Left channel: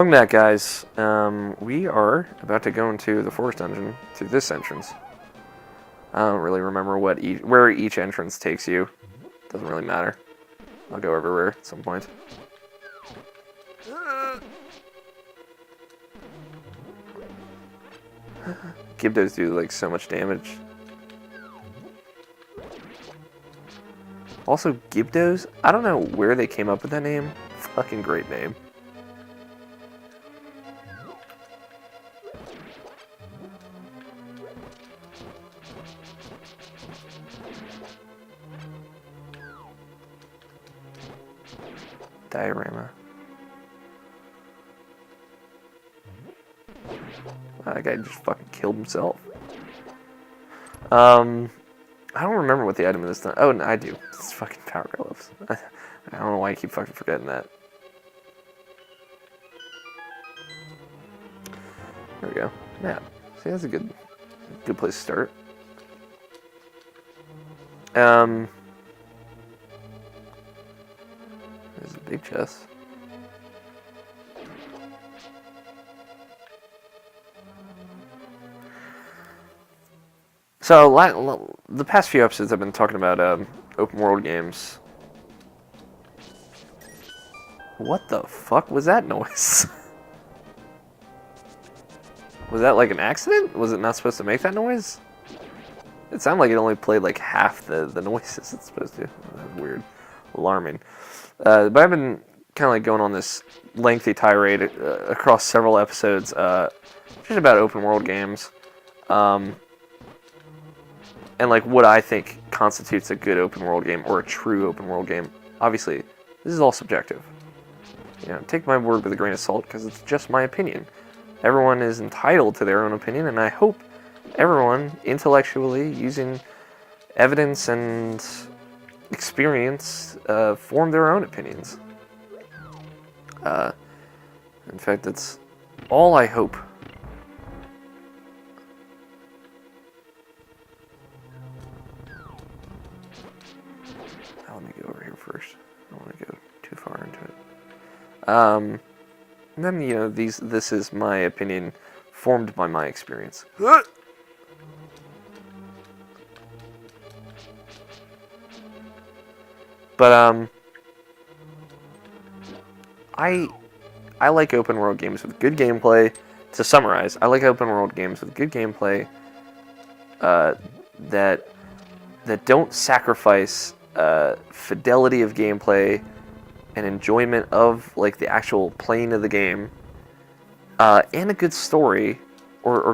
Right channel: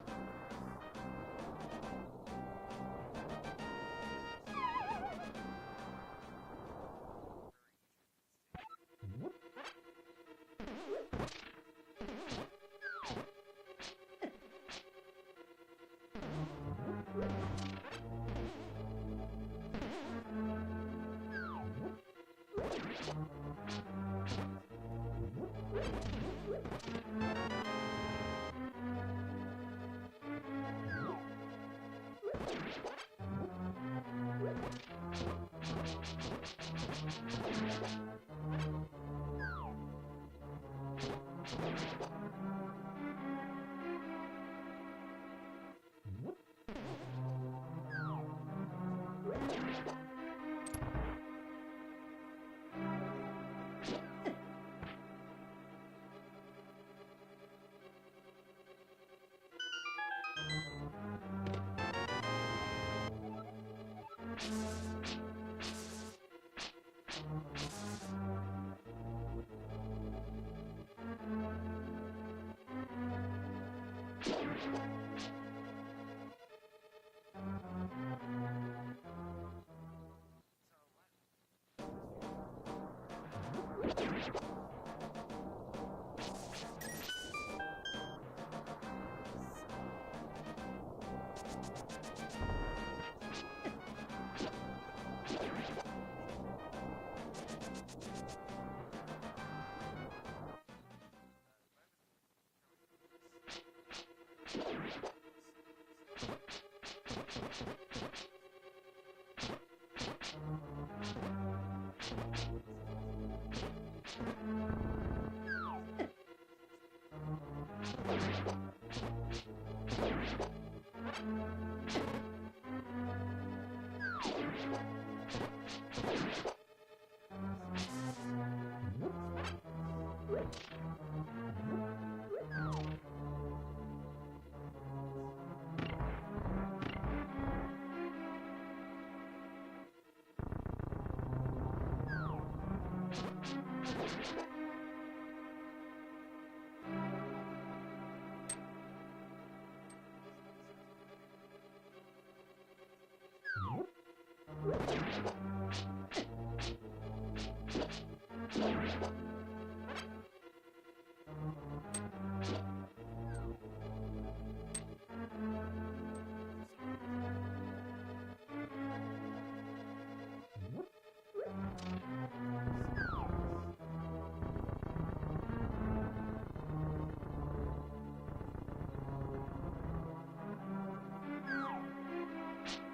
Welcome back, guys. We are about to go into the forest dungeon through this entrance. I don't really remember where each entrance takes you. Doesn't really matter. I'll go everywhere at some point. Gibdos do like so much damage. Also, Gibdos, I don't know where they came up with that name. Fucking great name. Diorama. That guy just fucking killed himself. I don't remember what the item is. Oh, no, I do. It's fucking power gloves. I don't know why I keep fucking forgetting that. There we go. Yeah. See, that's a good place to start. There's a big chest. So, the past few episodes I've been talking about open world games. What the fuck was that noise? Was that like an accident? Was it not supposed to make that noise? It sounded like it only played like half the noises it's supposed to. Weird. Alarming. But I've been kind of like going on this lengthy tirade across several episodes just about open world games. And like what I think constitutes a good open world game or a true open world game. Obviously, this is all subjective. You know, take my word with a grain of salt because it's just my opinion. Everyone is entitled to their own opinion, and I hope everyone intellectually, using evidence and experience, form their own opinions. In fact, that's all I hope. And then, you know, this is my opinion formed by my experience. But, I like open world games with good gameplay. To summarize, I like open world games with good gameplay, that don't sacrifice, fidelity of gameplay and enjoyment of like the actual playing of the game, and a good story, or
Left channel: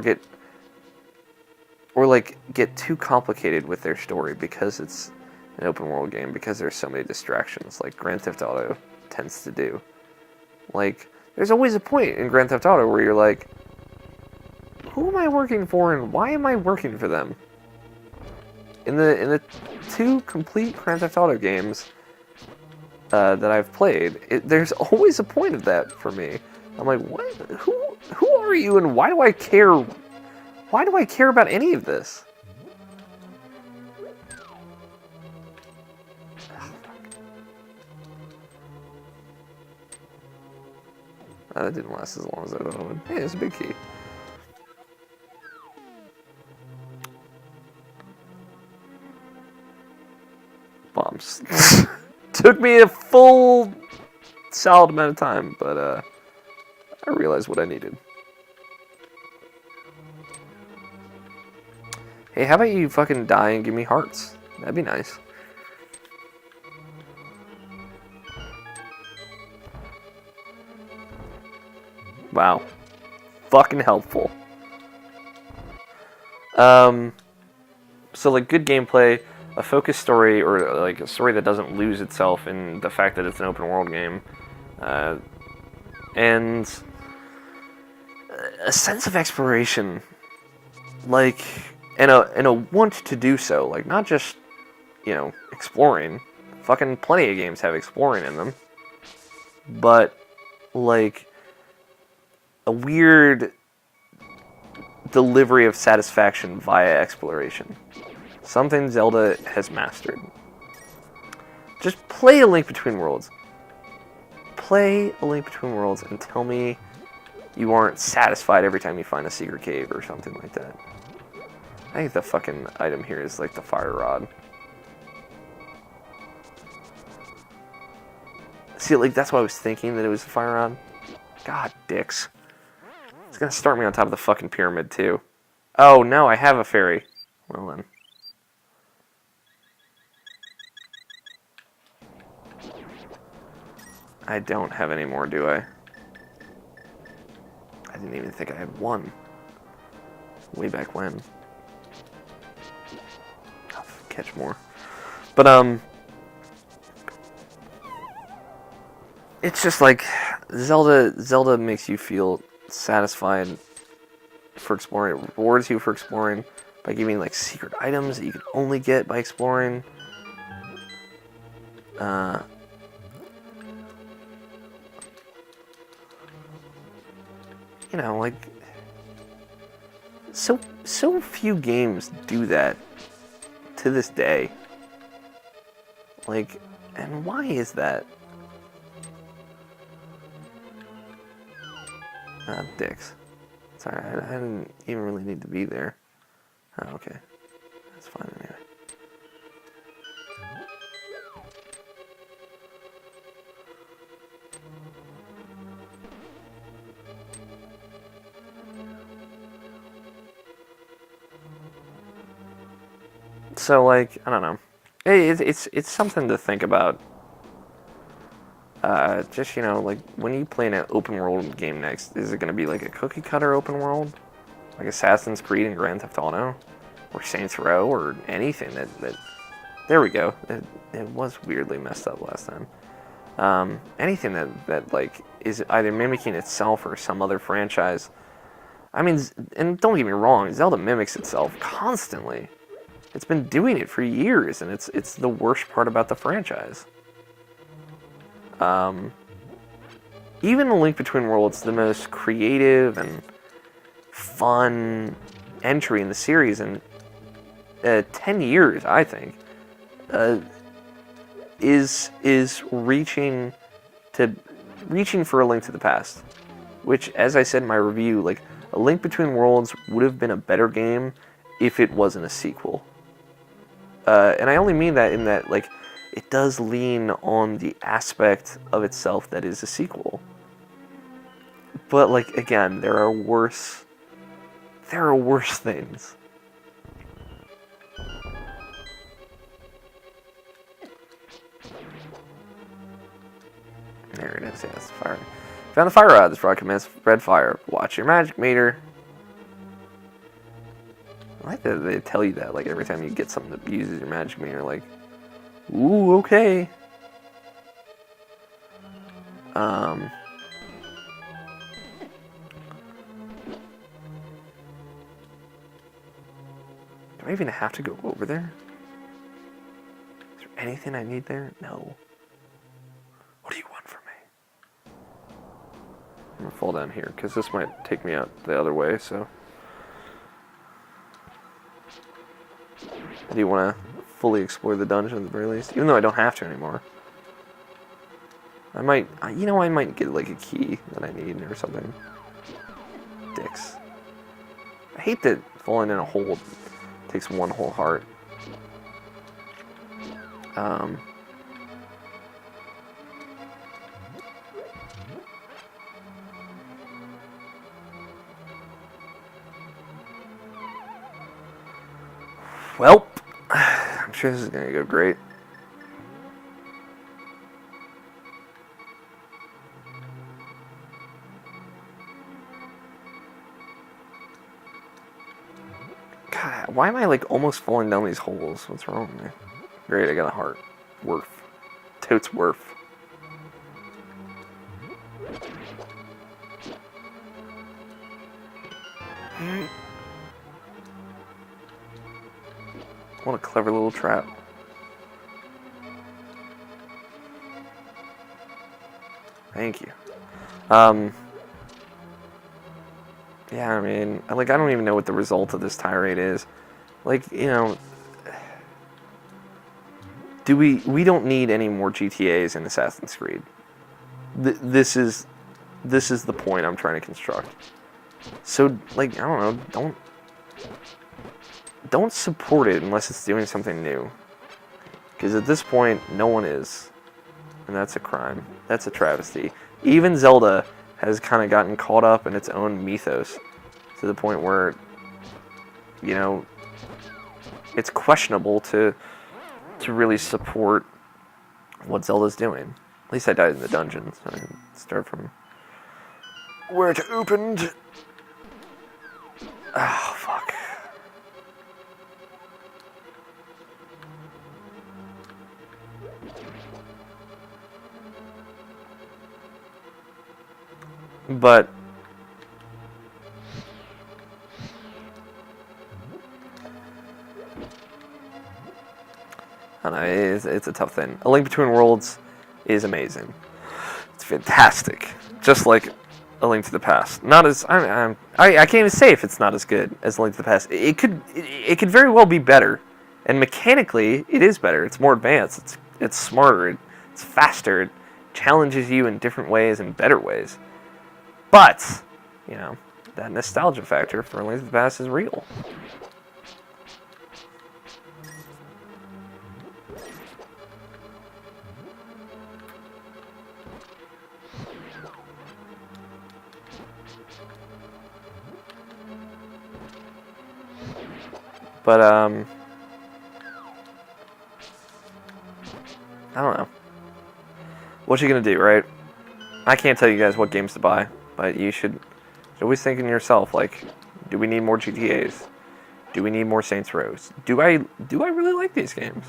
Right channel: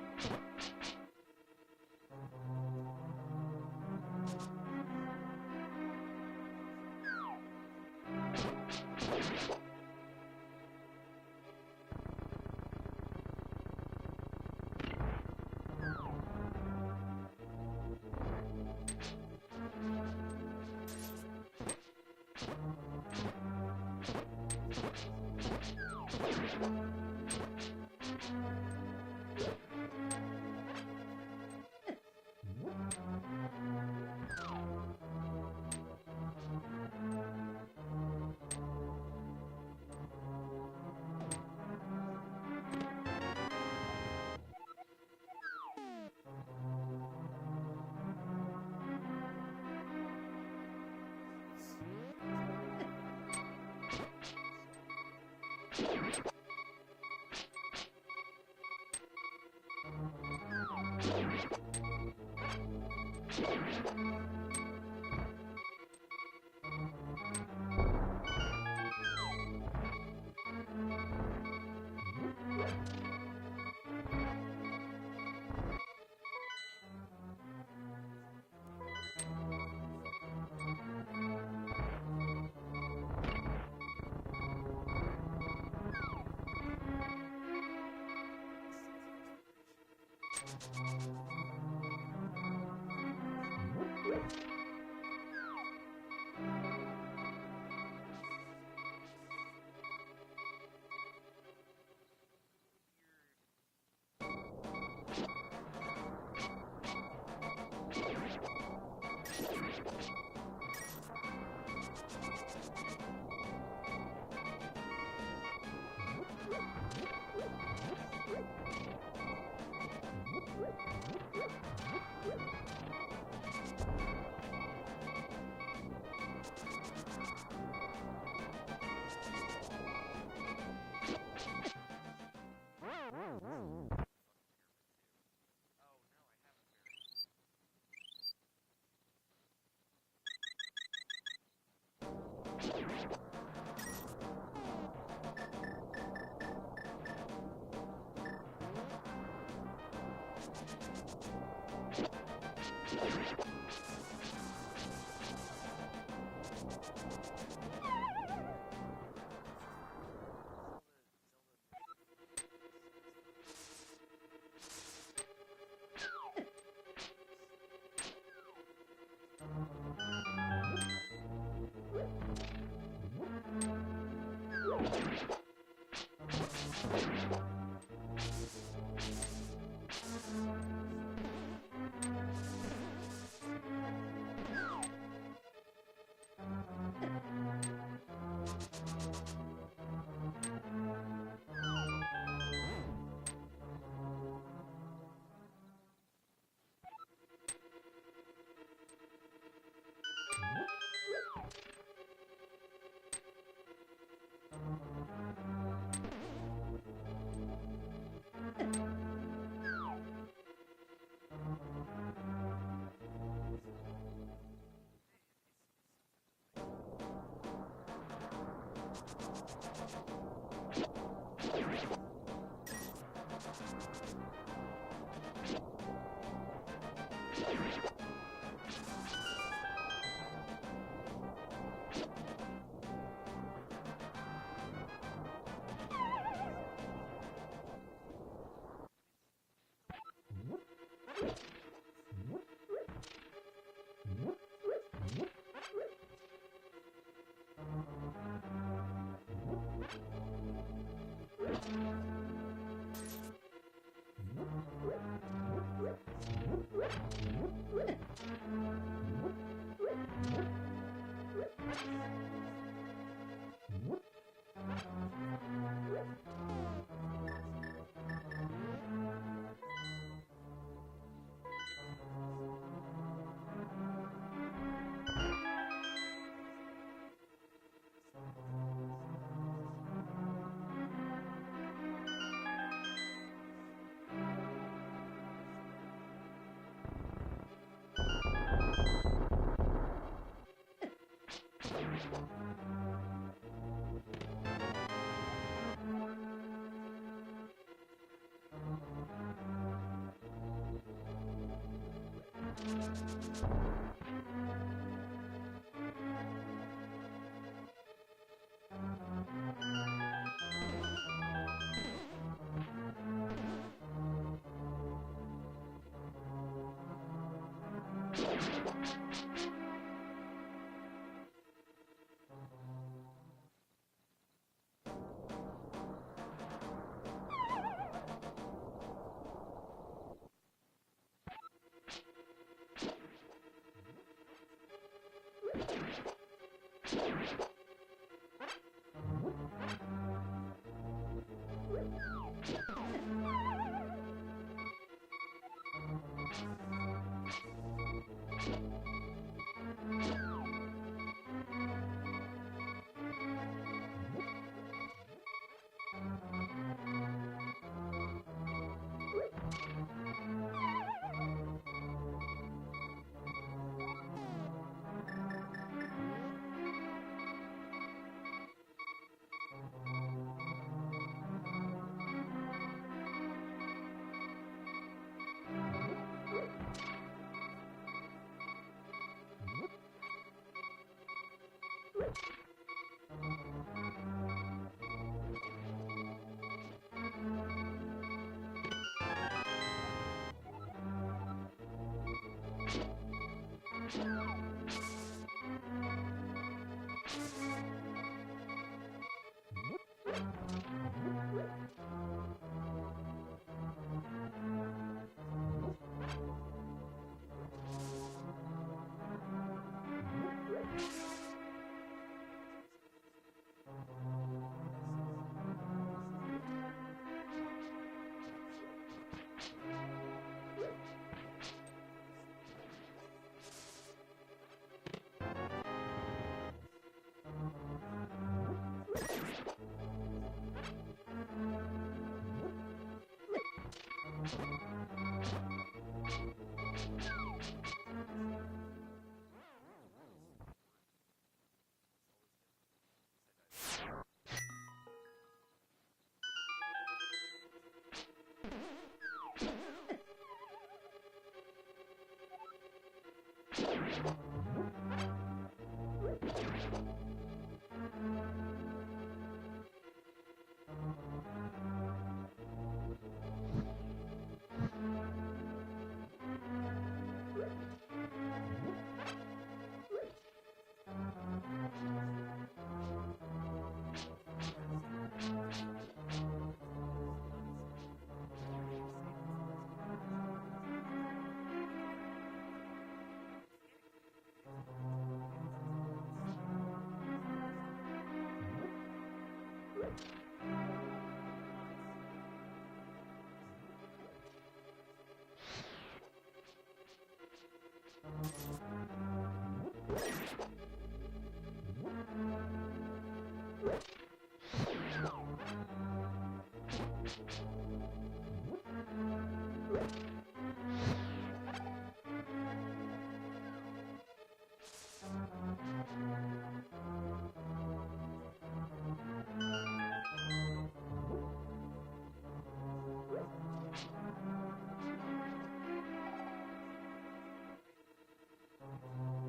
get too complicated with their story because it's an open world game, because there's so many distractions like Grand Theft Auto tends to do. Like, there's always a point in Grand Theft Auto where you're like, who am I working for and why am I working for them? In the two complete Grand Theft Auto games that I've played, there's always a point of that for me. I'm like, what? Who are you, and why do I care? Why do I care about any of this? That didn't last as long as I thought it would. Yeah, it's a big key. Bombs. Took me a full solid amount of time, but I realized what I needed. Hey, how about you fucking die and give me hearts? That'd be nice. Wow. Fucking helpful. So like good gameplay, a focused story, or like a story that doesn't lose itself in the fact that it's an open world game, and a sense of exploration, like, and a want to do so, like not just, you know, exploring. Fucking plenty of games have exploring in them, but like a weird delivery of satisfaction via exploration. Something Zelda has mastered. Just play A Link Between Worlds. Play A Link Between Worlds and tell me you aren't satisfied every time you find a secret cave or something like that. I think the fucking item here is like the fire rod. See, like, that's why I was thinking that it was the fire rod. God, dicks. It's gonna start me on top of the fucking pyramid, too. Oh, no, I have a fairy. Well, then. I don't have any more, do I? I didn't even think I had one. Way back when. I'll catch more. But, it's just like, Zelda makes you feel satisfied for exploring. It rewards you for exploring by giving, like, secret items that you can only get by exploring. You know, like, so few games do that to this day. Like, and why is that? Dicks. Sorry, I didn't even really need to be there. Oh, okay. That's fine anyway. So, like, I don't know. It's something to think about. Just, you know, like, when you play an open world game next, is it going to be like a cookie cutter open world? Like Assassin's Creed and Grand Theft Auto? Or Saints Row? Or anything that there we go. It was weirdly messed up last time. Anything that, like, is either mimicking itself or some other franchise. I mean, and don't get me wrong, Zelda mimics itself constantly. It's been doing it for years, and it's the worst part about the franchise. Even A Link Between Worlds, the most creative and fun entry in the series in 10 years, I think, is reaching for A Link to the Past, which, as I said in my review, like, A Link Between Worlds would have been a better game if it wasn't a sequel. And I only mean that in that, like, it does lean on the aspect of itself that is a sequel. But, like, again, there are worse things. There it is. That's the fire. Found the fire rod. This rod can spread fire. Watch your magic meter. I like that they tell you that, like, every time you get something that uses your magic meter, like, ooh, okay. Do I even have to go over there? Is there anything I need there? No. What do you want from me? I'm gonna fall down here, because this might take me out the other way, so. I do want to fully explore the dungeon at the very least, even though I don't have to anymore. I might get, like, a key that I need or something. Dicks. I hate that falling in a hole takes one whole heart. Well, I'm sure this is gonna go great. God, why am I, like, almost falling down these holes? What's wrong with me? Great, I got a heart. Worth. Totes worth. What a clever little trap. Thank you. Yeah, I mean, like, I don't even know what the result of this tirade is. Like, you know, we don't need any more GTAs in Assassin's Creed. This is This is the point I'm trying to construct. So, like, I don't know, don't support it unless it's doing something new. Because at this point, no one is. And that's a crime. That's a travesty. Even Zelda has kind of gotten caught up in its own mythos to the point where, you know, it's questionable to really support what Zelda's doing. At least I died in the dungeon, so I can start from where it opened. Oh, fuck. But I don't know, it's a tough thing. A Link Between Worlds is amazing. It's fantastic. Just like A Link to the Past. Not as I can't even say if it's not as good as A Link to the Past. It could very well be better. And mechanically, it is better. It's more advanced. It's smarter. It's faster. It challenges you in different ways and better ways. But, you know, that nostalgia factor for A Link to the Past is real. But, I don't know. What you gonna do, right? I can't tell you guys what games to buy, but you should always think in yourself, like, do we need more GTAs? Do we need more Saints Rows? Do I really like these games?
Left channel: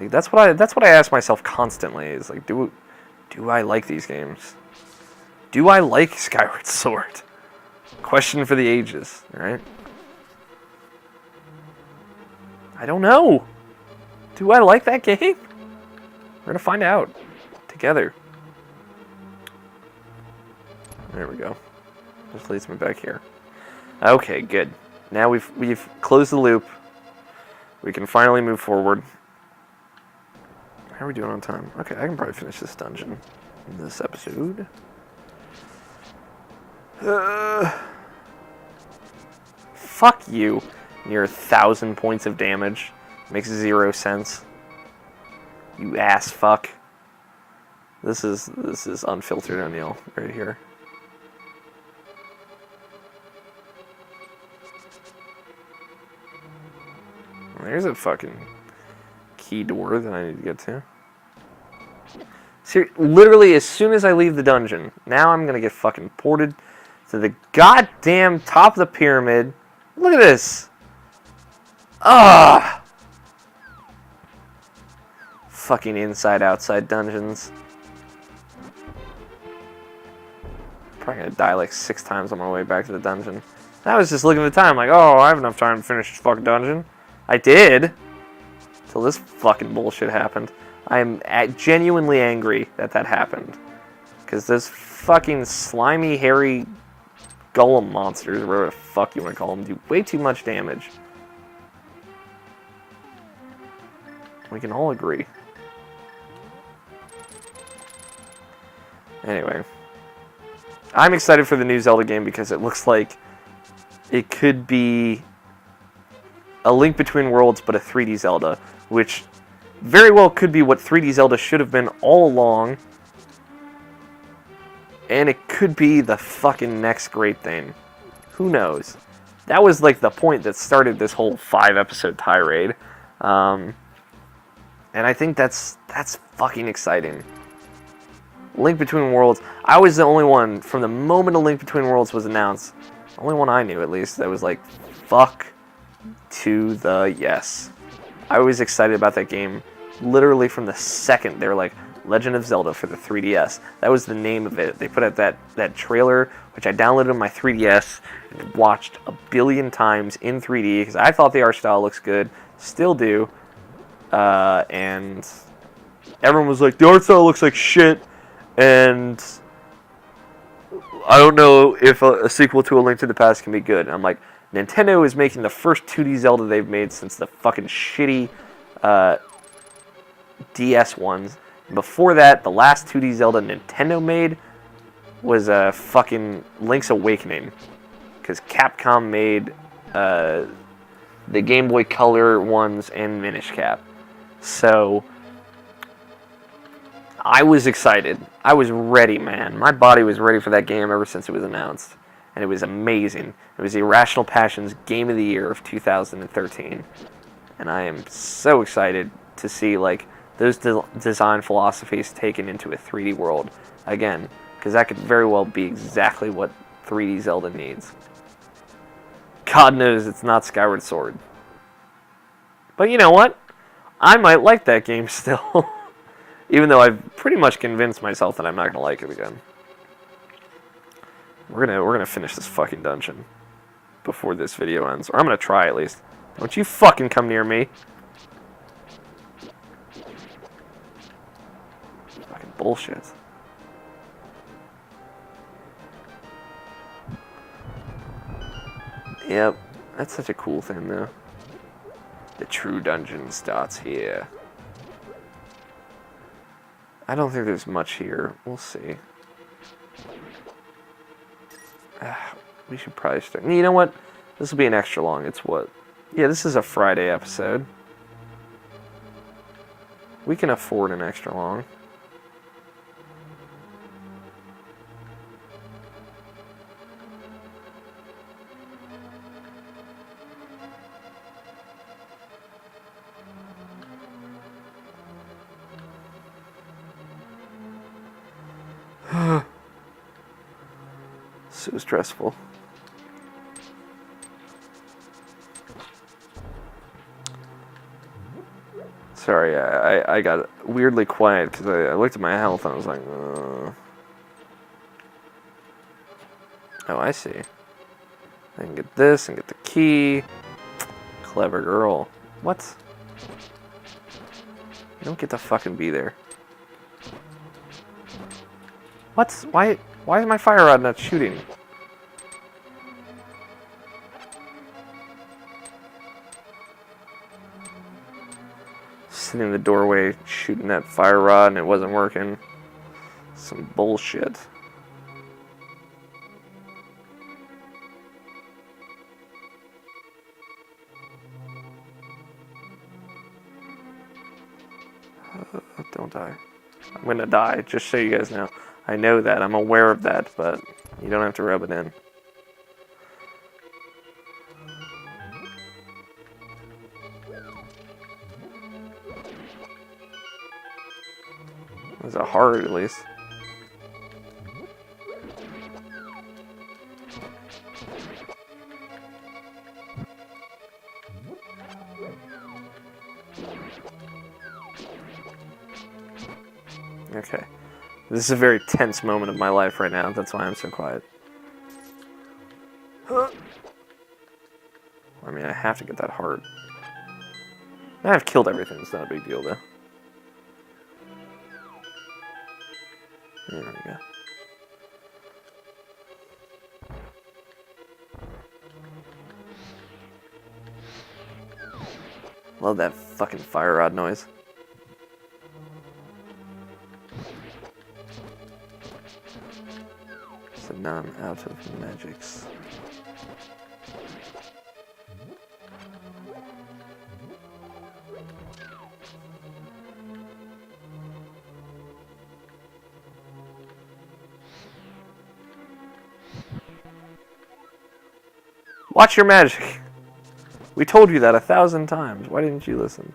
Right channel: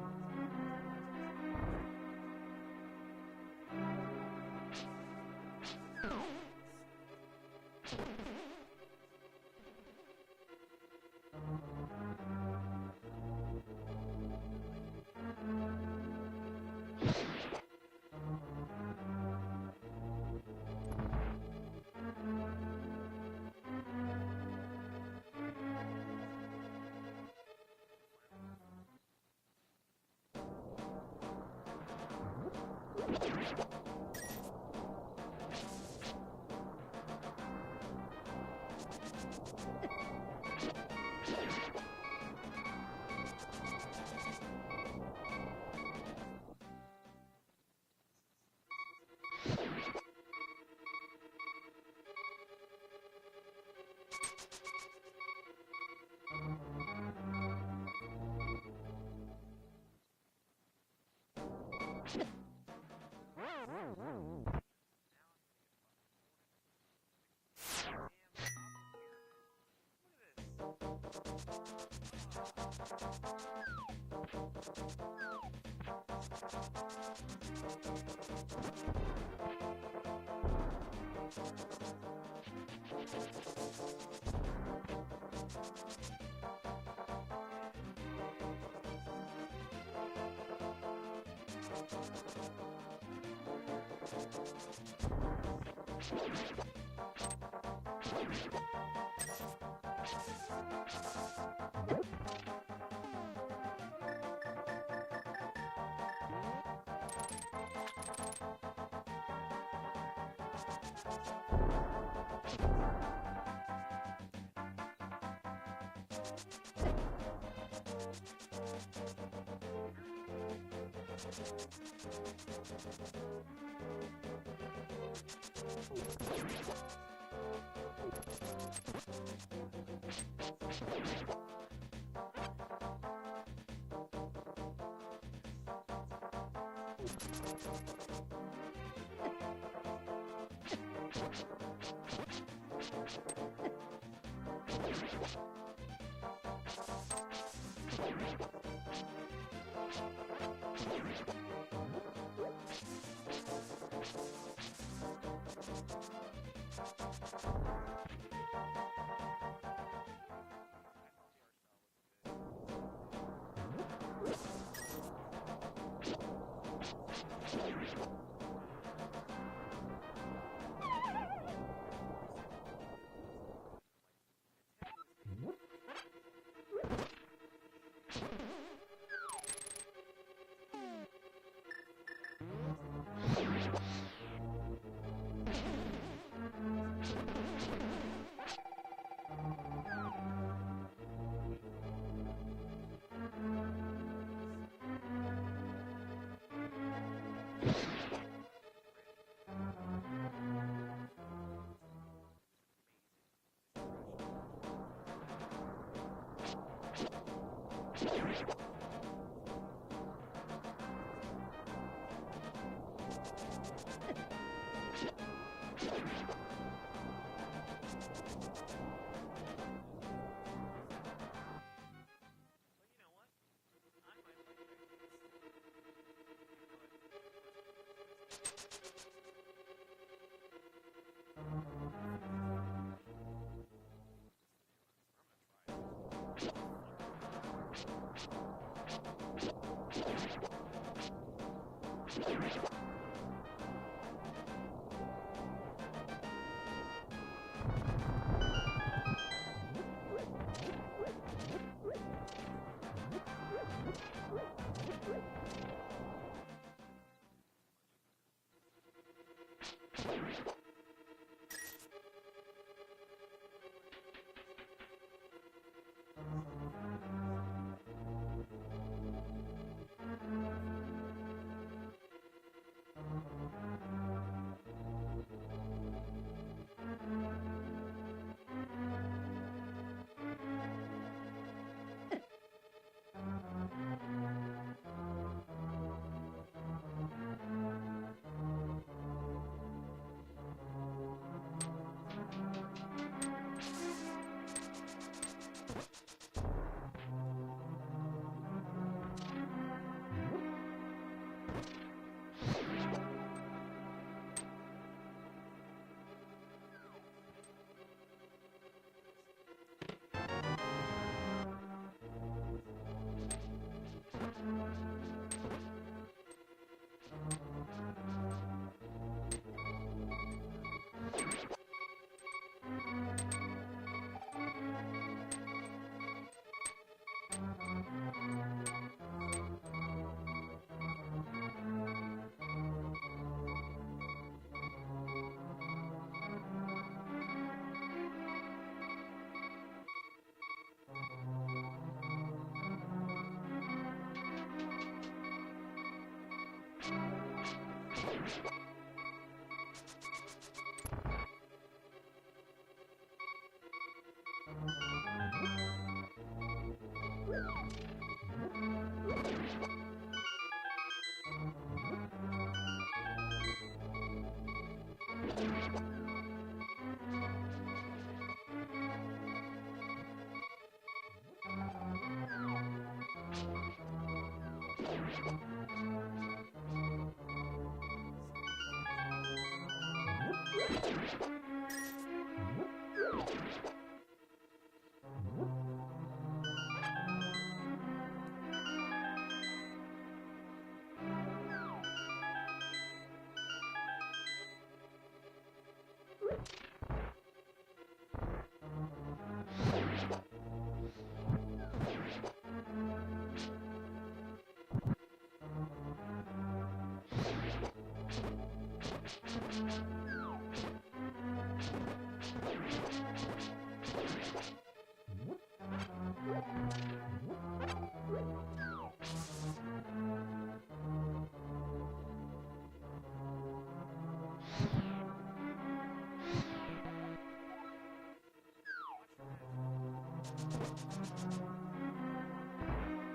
Like, that's what I ask myself constantly, is like, do I like these games? Do I like Skyward Sword? Question for the ages, right? I don't know. Do I like that game? We're gonna find out together. There we go. This leads me back here. Okay, good. Now we've closed the loop. We can finally move forward. How are we doing on time? Okay, I can probably finish this dungeon in this episode. Fuck you. Near 1,000 points of damage. Makes 0 sense. You ass fuck. This is unfiltered O'Neill right here. There's a fucking key door that I need to get to. See, literally, as soon as I leave the dungeon, now I'm gonna get fucking ported to the goddamn top of the pyramid. Look at this. Ah! Fucking inside-outside dungeons. Probably gonna die like 6 times on my way back to the dungeon. I was just looking at the time, like, oh, I have enough time to finish this fucking dungeon. I did. Until this fucking bullshit happened. I am genuinely angry that happened. Because those fucking slimy, hairy golem monsters, or whatever the fuck you want to call them, do way too much damage. We can all agree. Anyway. I'm excited for the new Zelda game because it looks like it could be a Link Between Worlds, but a 3D Zelda, which very well could be what 3D Zelda should have been all along. And it could be the fucking next great thing. Who knows? That was like the point that started this whole 5-episode tirade. And I think that's fucking exciting. Link Between Worlds. I was the only one, from the moment A Link Between Worlds was announced, the only one I knew at least, that was like, fuck to the yes. I was excited about that game literally from the second they were like, Legend of Zelda for the 3DS. That was the name of it. They put out that trailer, which I downloaded on my 3DS and watched a billion times in 3D because I thought the art style looks good. Still do. And everyone was like, the art style looks like shit, and I don't know if a sequel to A Link to the Past can be good. And I'm like, Nintendo is making the first 2D Zelda they've made since the fucking shitty DS ones. Before that, the last 2D Zelda Nintendo made was fucking Link's Awakening, because Capcom made the Game Boy Color ones and Minish Cap. So I was excited. I was ready, man. My body was ready for that game ever since it was announced. And it was amazing. It was Irrational Passions Game of the Year of 2013. And I am so excited to see like those design philosophies taken into a 3D world again. Because that could very well be exactly what 3D Zelda needs. God knows it's not Skyward Sword. But you know what? I might like that game still. Even though I've pretty much convinced myself that I'm not gonna like it again. We're gonna finish this fucking dungeon before this video ends. Or I'm gonna try at least. Don't you fucking come near me. Bullshit. Yep, that's such a cool thing though. The true dungeon starts here. I don't think there's much here. We'll see. We should probably start. You know what? This will be an extra long. It's what? Yeah, this is a Friday episode. We can afford an extra long. So stressful. Sorry, I got weirdly quiet because I looked at my health and I was like, Oh, I see. I can get this and get the key. Clever girl. What? You don't get to fucking be there. What? Why is my fire rod not shooting? Sitting in the doorway shooting that fire rod and it wasn't working. Some bullshit. Don't die. I'm gonna die, just so you guys know. I know that, I'm aware of that, but you don't have to rub it in. It was a heart, at least. Okay. This is a very tense moment of my life right now. That's why I'm so quiet. I mean, I have to get that heart. I've killed everything. It's not a big deal, though. There we go. Love that fucking fire rod noise. So now I'm out of magics. Watch your magic. We told you that 1,000 times. Why didn't you listen?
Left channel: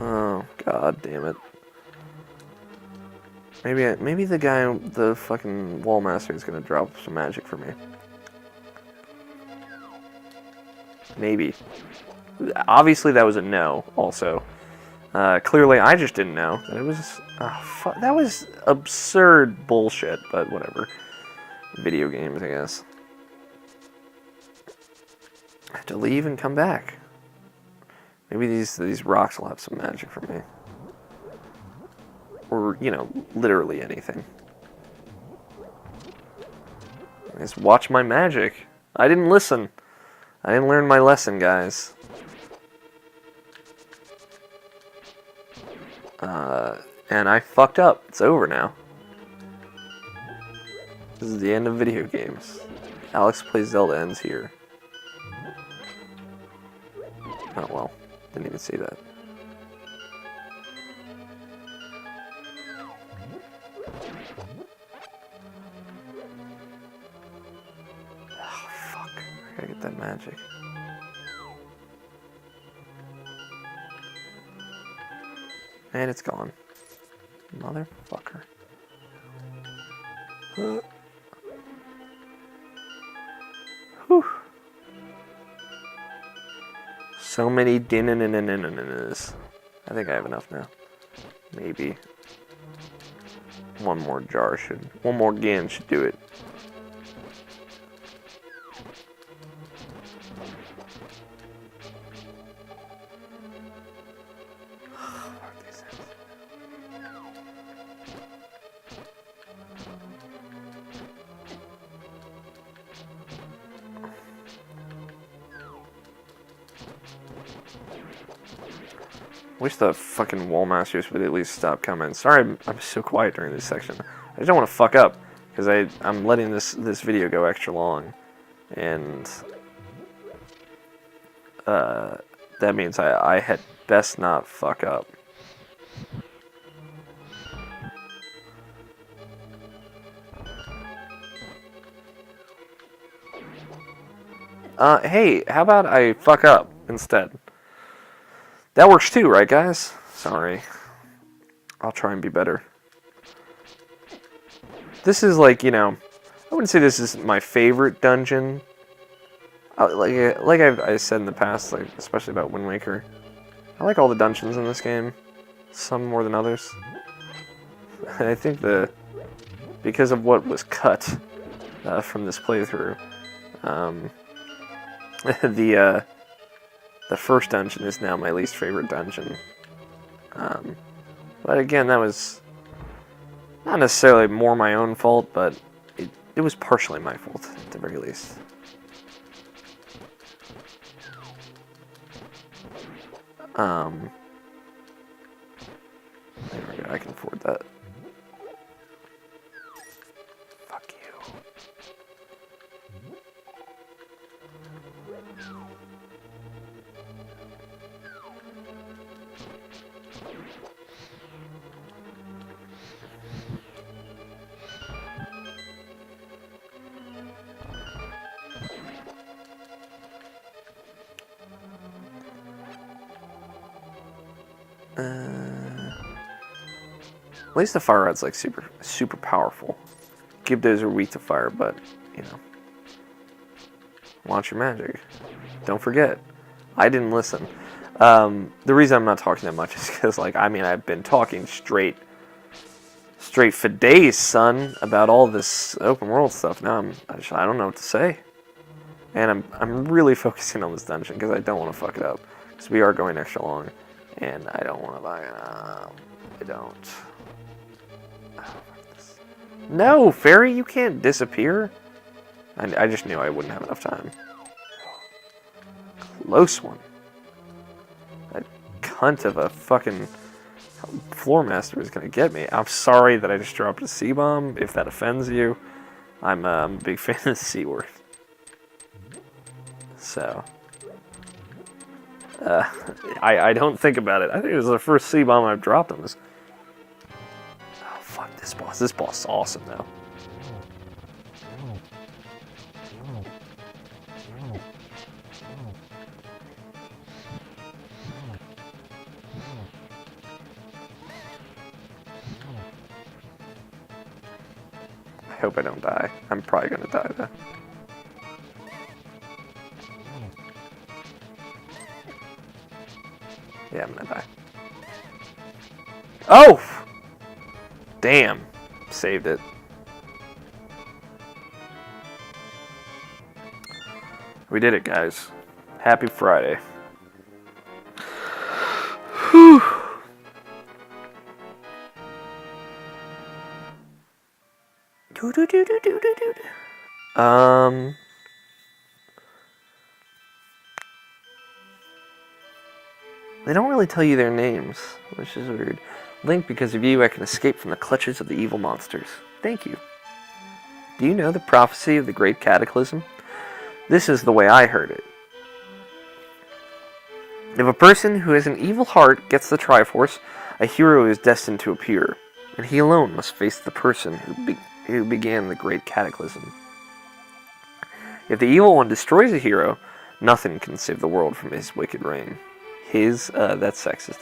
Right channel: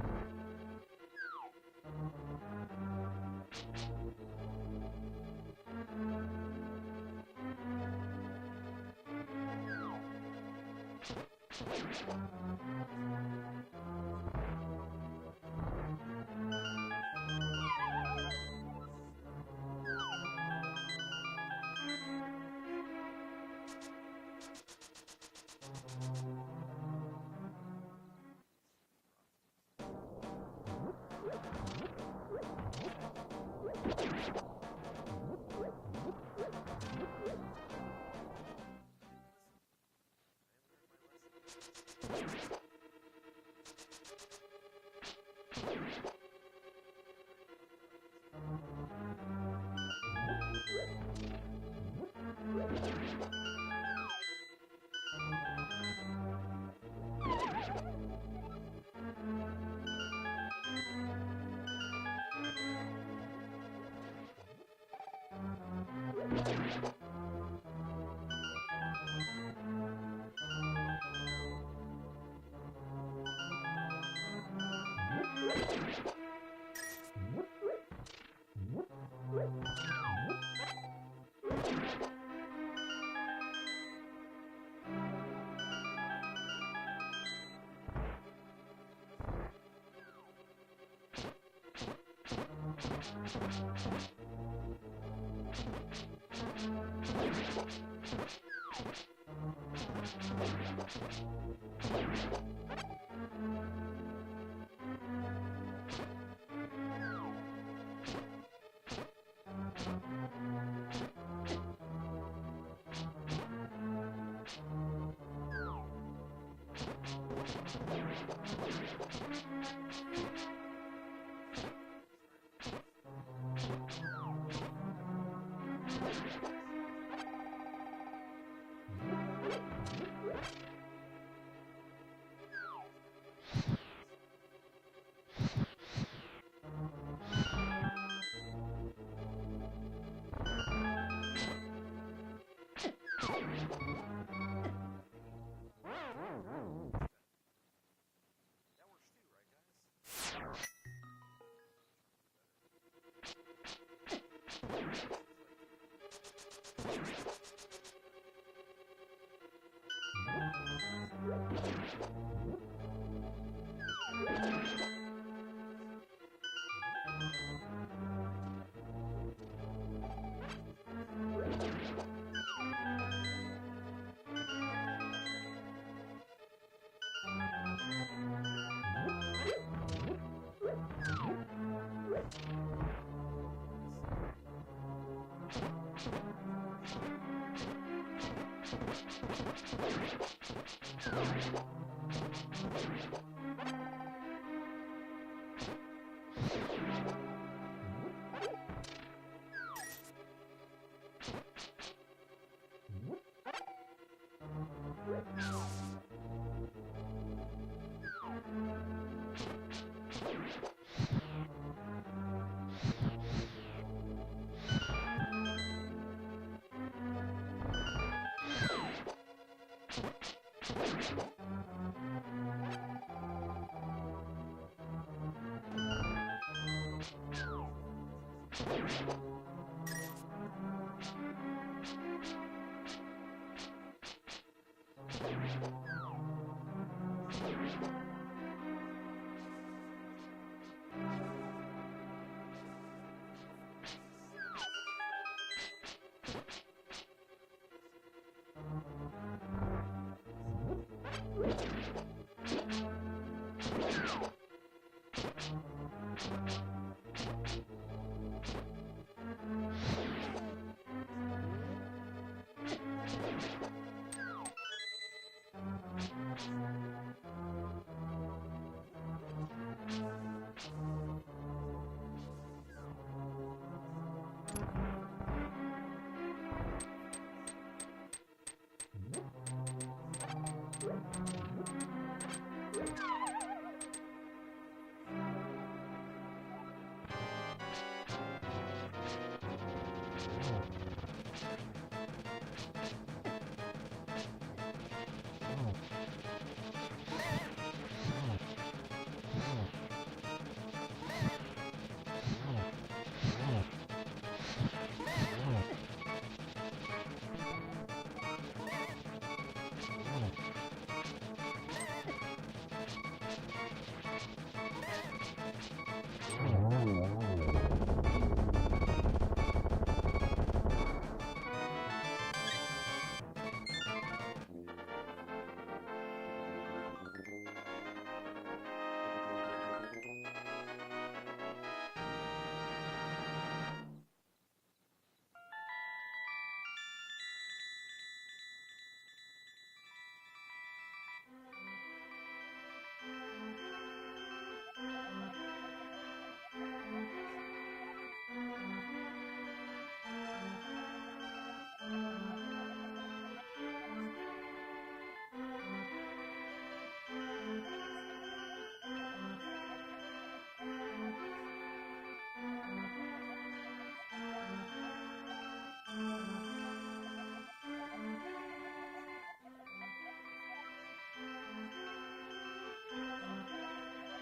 Oh, god damn it. Maybe the guy, the fucking wall master is gonna drop some magic for me. Maybe. Obviously that was a no, also. Clearly I just didn't know. It was... that was absurd bullshit, but whatever. Video games, I guess. I have to leave and come back. Maybe these rocks will have some magic for me. Or, you know, literally anything. Just watch my magic. I didn't listen. I didn't learn my lesson, guys. And I fucked up. It's over now. This is the end of video games. Alex Plays Zelda ends here. Oh well. Didn't even see that. That magic. And it's gone. Motherfucker. Whew. So many din-in-in-in-in-in-in-is. I think I have enough now. Maybe. One more GAN should do it. Wish the fucking wall masters would at least stop coming. Sorry, I'm so quiet during this section. I just don't want to fuck up because I'm letting this video go extra long, and that means I had best not fuck up. Hey, how about I fuck up instead? That works too, right, guys? Sorry. I'll try and be better. This is like, I wouldn't say this is my favorite dungeon. Like I said in the past, like especially about Wind Waker. I like all the dungeons in this game. Some more than others. I think because of what was cut from this playthrough, the first dungeon is now my least favorite dungeon. But again, that was not necessarily more my own fault, but it was partially my fault, at the very least. I can afford that. Fuck you. At least the fire rod's like super powerful. Gibdos are weak to fire, but launch your magic. Don't forget, I didn't listen. The reason I'm not talking that much is because I've been talking straight for days, son, about all this open world stuff. Now I don't know what to say, and I'm really focusing on this dungeon because I don't want to fuck it up. Because we are going extra long, and I don't want to I don't. No, Fairy, you can't disappear. I just knew I wouldn't have enough time. Close one. That cunt of a fucking floor master is gonna get me. I'm sorry that I just dropped a C-bomb, if that offends you. I'm a big fan of the C-word. So... I don't think about it. I think it was the first C-bomb I've dropped on this. Oh, fuck this boss. This boss is awesome now. I hope I don't die. I'm probably gonna die though. Yeah, I'm gonna die. Oh! Damn. Saved it. We did it, guys. Happy Friday. Whew. Um, they don't really tell you their names, which is weird. Link, because of you, I can escape from the clutches of the evil monsters. Thank you. Do you know the prophecy of the Great Cataclysm? This is the way I heard it. If a person who has an evil heart gets the Triforce, a hero is destined to appear, and he alone must face the person who began the Great Cataclysm. If the evil one destroys a hero, nothing can save the world from his wicked reign. That's sexist.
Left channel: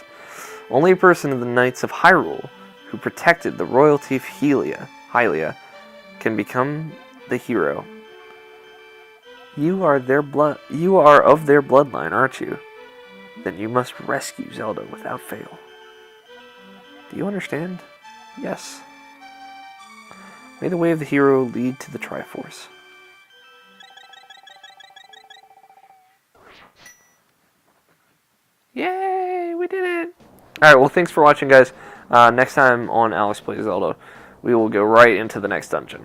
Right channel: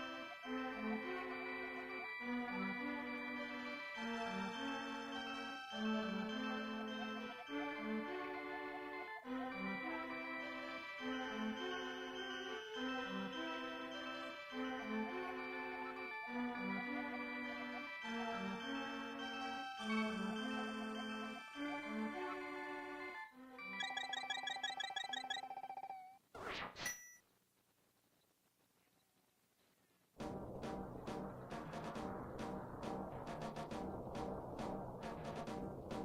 Only a person of the Knights of Hyrule, who protected the royalty of Hylia, can become the hero. You are of their bloodline, aren't you? Then you must rescue Zelda without fail. Do you understand? Yes. May the way of the hero lead to the Triforce. Yay, we did it! Alright, well, thanks for watching, guys. Next time on Alex Plays Zelda, we will go right into the next dungeon.